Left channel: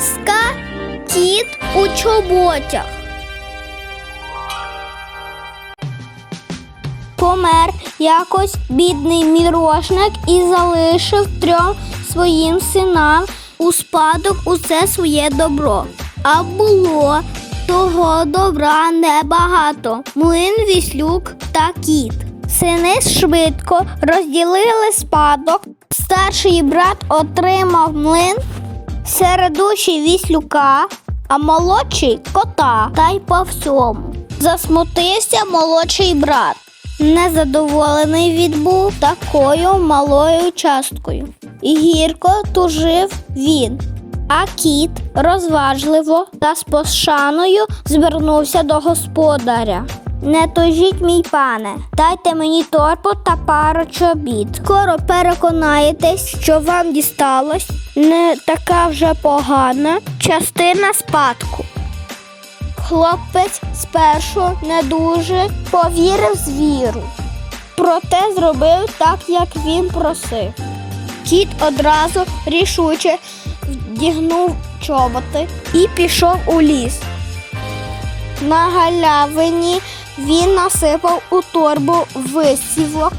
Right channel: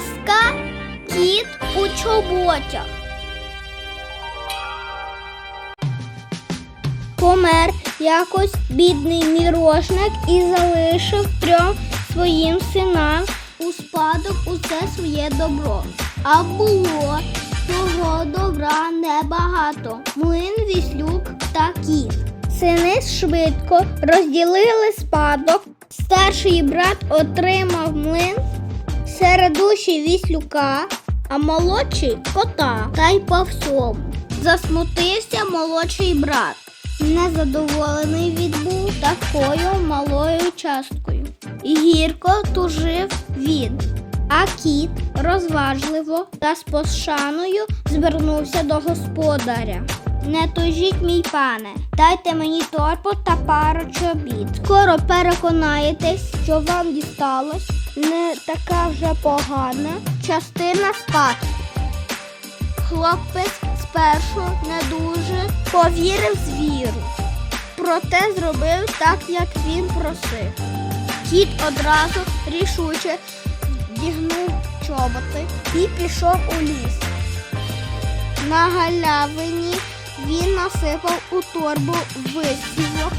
Казка Кіт у чоботях. Помер якось бідний мірошник і залишив трьом своїм синам у спадок усе своє добро. А було того добра небагато. Млин віслюк та кіт. Сини швидко розділили спадок. Старший брат отримав млин, середущий віслюка, а молодший кота. Та й по всьому. Засмутився молодший брат. Незадоволений відбув такою малою часткою. І гірко тужив він. А кіт розважливо та з пошаною звернувся до господаря. Не тужіть, мій пане, дайте мені торбу та пару чобіт. Скоро переконаєтесь, що вам дісталось не така вже погана частина спадку. Хлопець спершу не дуже повірив звіру, проте зробив так, як він просив. Кіт одразу рішуче вдягнув чоботи і пішов у ліс. На галявині він насипав у торбу висівок,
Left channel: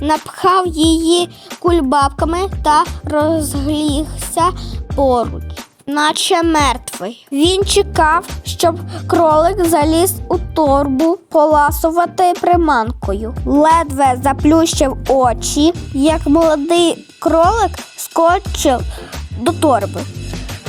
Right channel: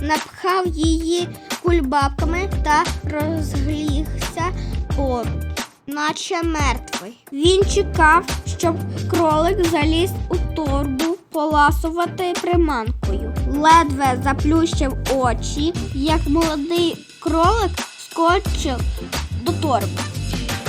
напхав її кульбабками та розглігся поруч, наче мертвий. Він чекав, щоб кролик заліз у торбу поласувати приманкою. Ледве заплющив очі, як молодий кролик скочив до торби.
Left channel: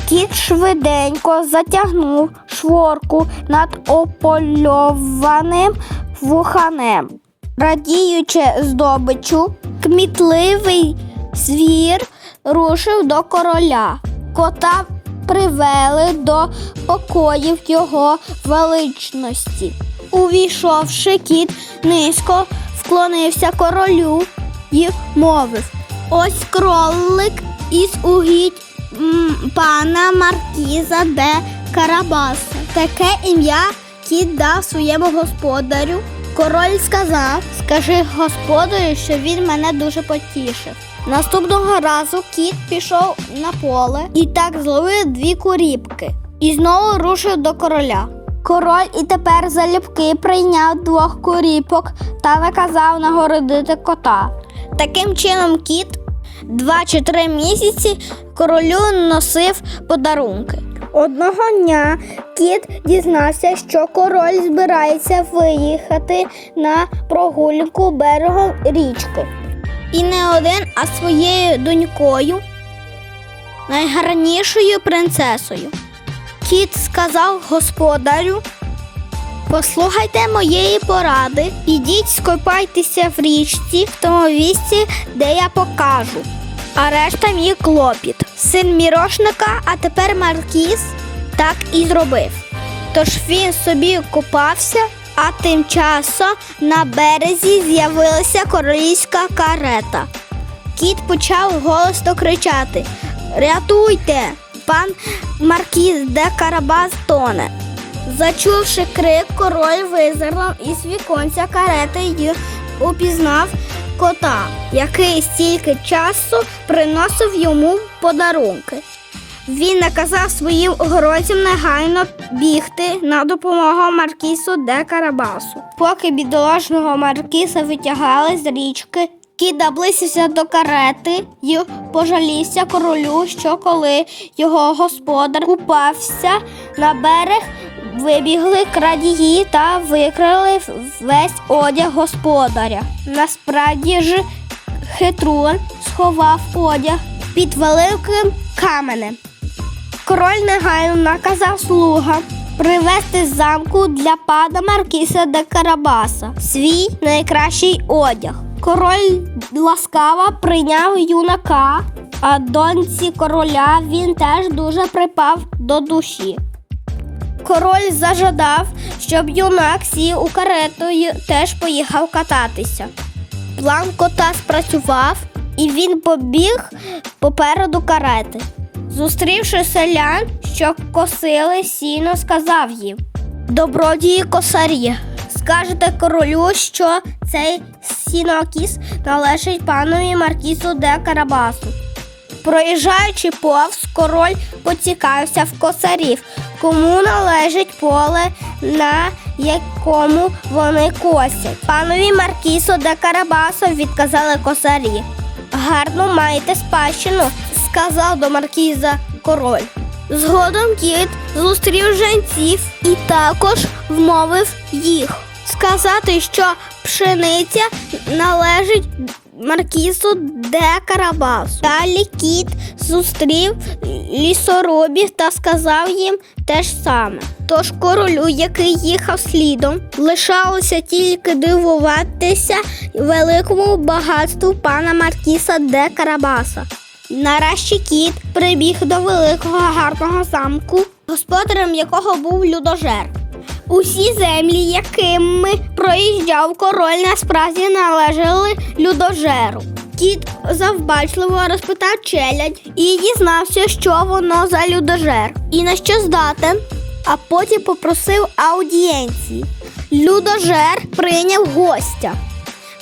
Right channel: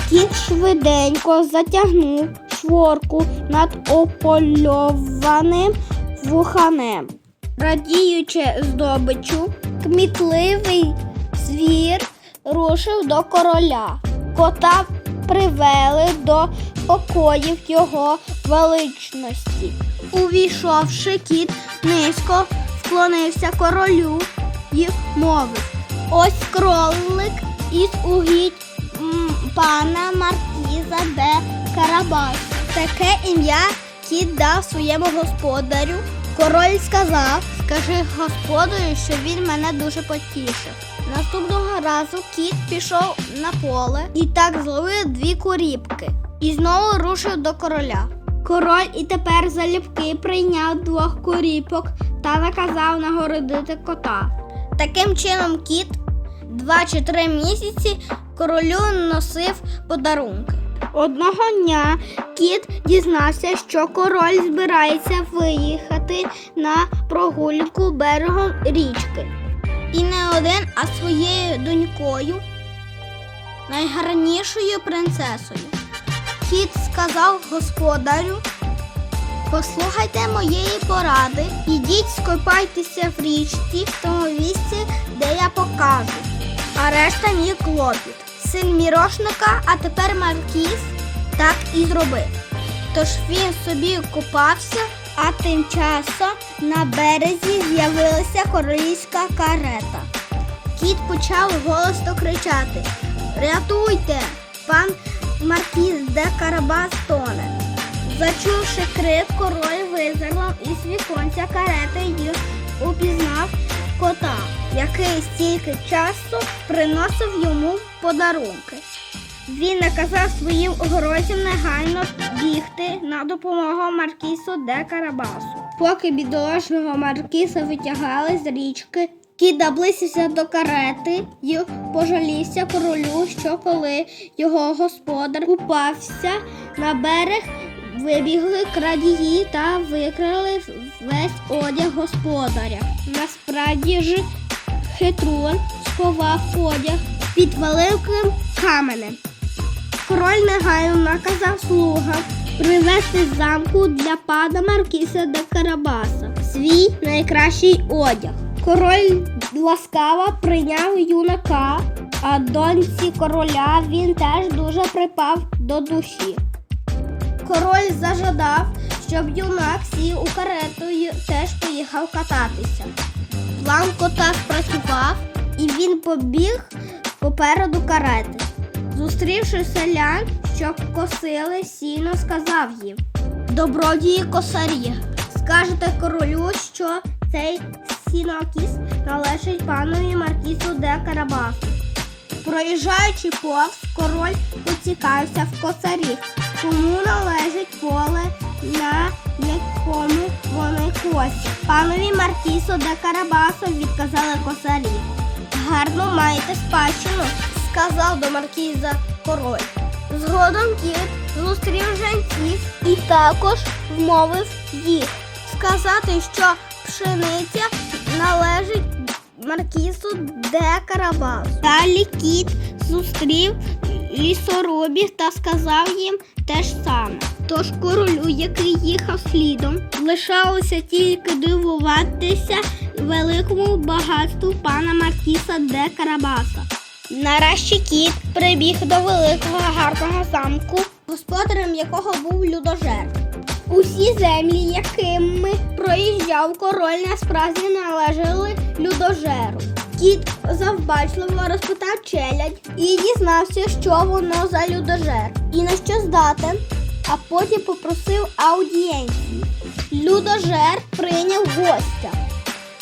Кіт швиденько затягнув шворку над опольованим вуханем. Радіючи здобичу, кмітливий звір рушив до короля. Кота привели до покоїв його величності. Увійшовши, кіт низько вклонився королю і мовив: Ось кролик із угідь пана Маркіза де Карабаса. Таке ім'я кіт дав своєму господарю. Король сказав: Скажи господарю, що він мене дуже потішив. Наступного разу кіт пішов на поле і так зловив дві куріпки. І знову рушив до короля. Король і тепер залюбки прийняв двох куріпок та наказав нагородити кота. Таким чином, кіт два чи три місяці королю носив подарунки. Одного дня кіт дізнався, що король збирається виїхати на прогулянку берегом річки. І не один, а своєю донькою, найгарнішою принцесою. Кіт сказав господарю. Послухайте моєї поради, ідіть скопайтеся в річці в тому місці, де я покажу. А решта мій клопіт. Син мірошника, а тепер Маркіз так і зробив. Тож він собі купався, а тим часом на березі з'явилася королівська карета. Кіт почав голосно кричати: Рятуйте! Пан Маркіз де Карабас тоне. Зачувши крик, король визирнув із віконця карети й упізнав кота, який стільки часу приносив йому подарунки. Він наказав своїм огородцям негайно бігти на допомогу Маркісу де Карабасу. Поки бідолашного Маркіса витягали з річки, кіт наблизився до карети і пожалівся королю, що коли його господар купався на берег, вибігли крадії та викрали весь одяг господаря. Насправді ж хитрун сховав одяг під великим каменем. Король негайно наказав слугам привезти з замку для пана Маркіса де Карабаса свій найкращий одяг. Король ласкаво прийняв юнака, а доньці короля він теж дуже припав до душі. Король зажадав, щоб юнак сів у карету і теж поїхав кататися. План кота спрацював, і він побіг попереду карети. Зустрівши селян, що косили сіно, сказав їм: Добродії косарі, скажете королю, що цей сінокіс належить панові Маркісу де Карабасу. Проїжджаючи повз, король поцікавився в косарів, кому належить поле, на якому вони косять. Панові Маркісо де Карабасо відказали косарі. Гарно маєте спадщину, сказав до маркіза король. Згодом кіт зустрів женців і також вмовив їх сказати, що пшениця належить маркізу де Карабас. Далі кіт зустрів лісоробів та сказав їм те ж саме. Тож королю, який їхав слідом, лишалося тільки дивуватися великому багатству пана Маркіса де Карабаса. Нарешті кіт прибіг до великого гарного замку, господарем якого був людожер. Усі землі, якими проїжджав король, насправді належали людожеру. Кіт завбачливо розпитав челядь і дізнався, що воно за людожер і на що здатен, а потім попросив аудієнції. Людожер прийняв гостя.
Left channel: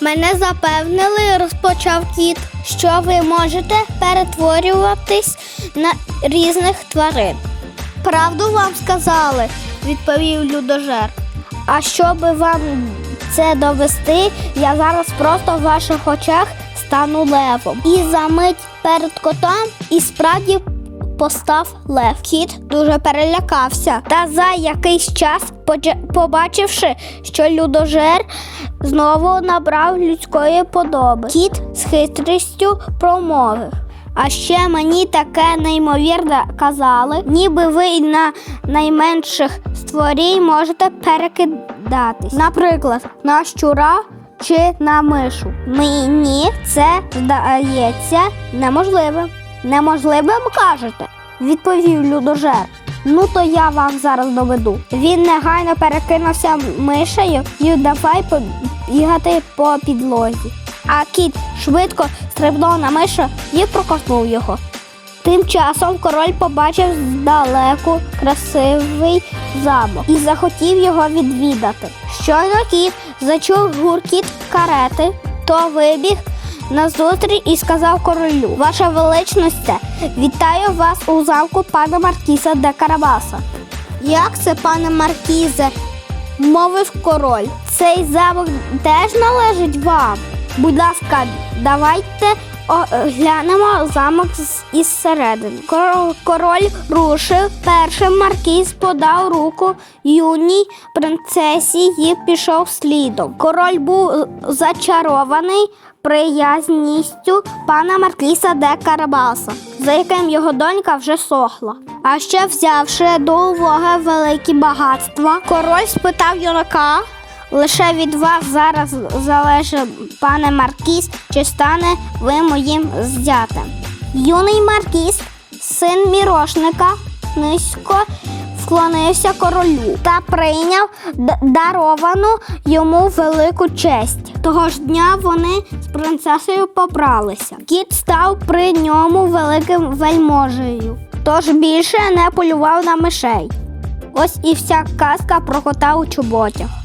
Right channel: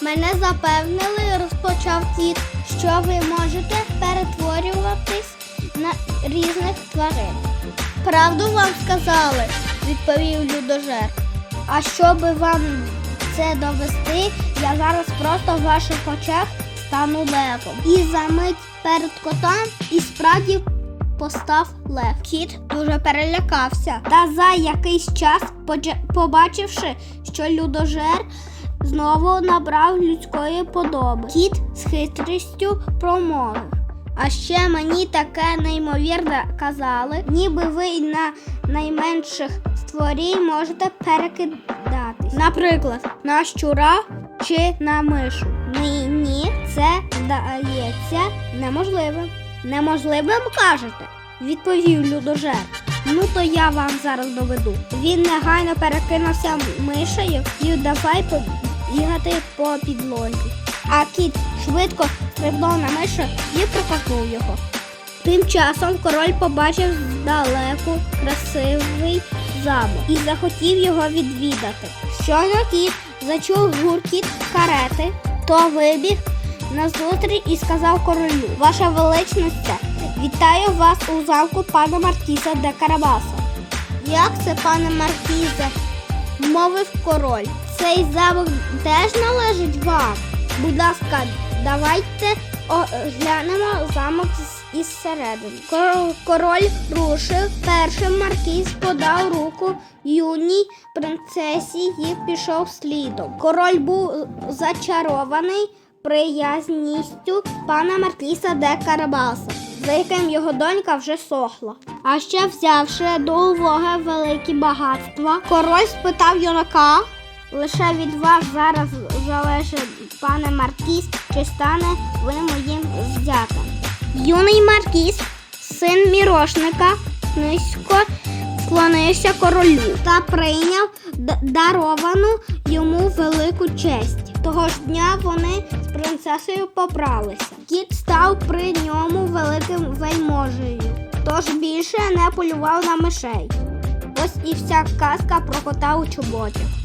Мене запевнили, розпочав кіт, що ви можете перетворюватись на різних тварин. Правду вам сказали, відповів людожер. А щоб вам це довести, я зараз просто в ваших очах стану левом. І за мить перед котом і справді постав лев. Кіт дуже перелякався. Та за якийсь час, побачивши, що людожер знову набрав людської подоби. Кіт з хитрістю промовив. А ще мені таке неймовірне казали, ніби ви на найменших створінь можете перекидатись. Наприклад, на щура чи на мишу. Мені це здається неможливим. Неможливим кажете, відповів людожер. Ну то я вам зараз доведу. Він негайно перекинувся мишею і давай побігати по підлозі. А кіт швидко стрибнув на мишу і проковтнув його. Тим часом король побачив здалеку красивий замок і захотів його відвідати. Щойно кіт зачув гуркіт карети, то вибіг назустріч і сказав королю: Ваша величність, вітаю вас у замку пана Маркіза де Карабаса. Як це, пане Маркізе? мовив король. Цей замок теж належить вам. Будь ласка, давайте оглянемо замок із середини. Король рушив. Першим маркіз подав руку юній принцесі і пішов слідом. Король був зачарований приязністю пана Маркіса де Карабаса, за яким його донька вже сохла. А ще взявши до уваги великі багатства, король спитав юнака. Лише від вас зараз залежить, пане Маркіс, чи стане ви моїм зятем. Юний Маркіс, син мірошника, низько вклонився королю та прийняв даровану йому велику честь. Того ж дня вони з принцесою побралися. Кіт став при ньому великим вельможею, тож більше не полював на мишей. Ось і вся казка про кота у чоботях.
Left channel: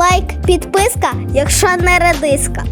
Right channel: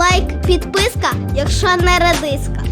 Лайк, підписка, якщо не редиска.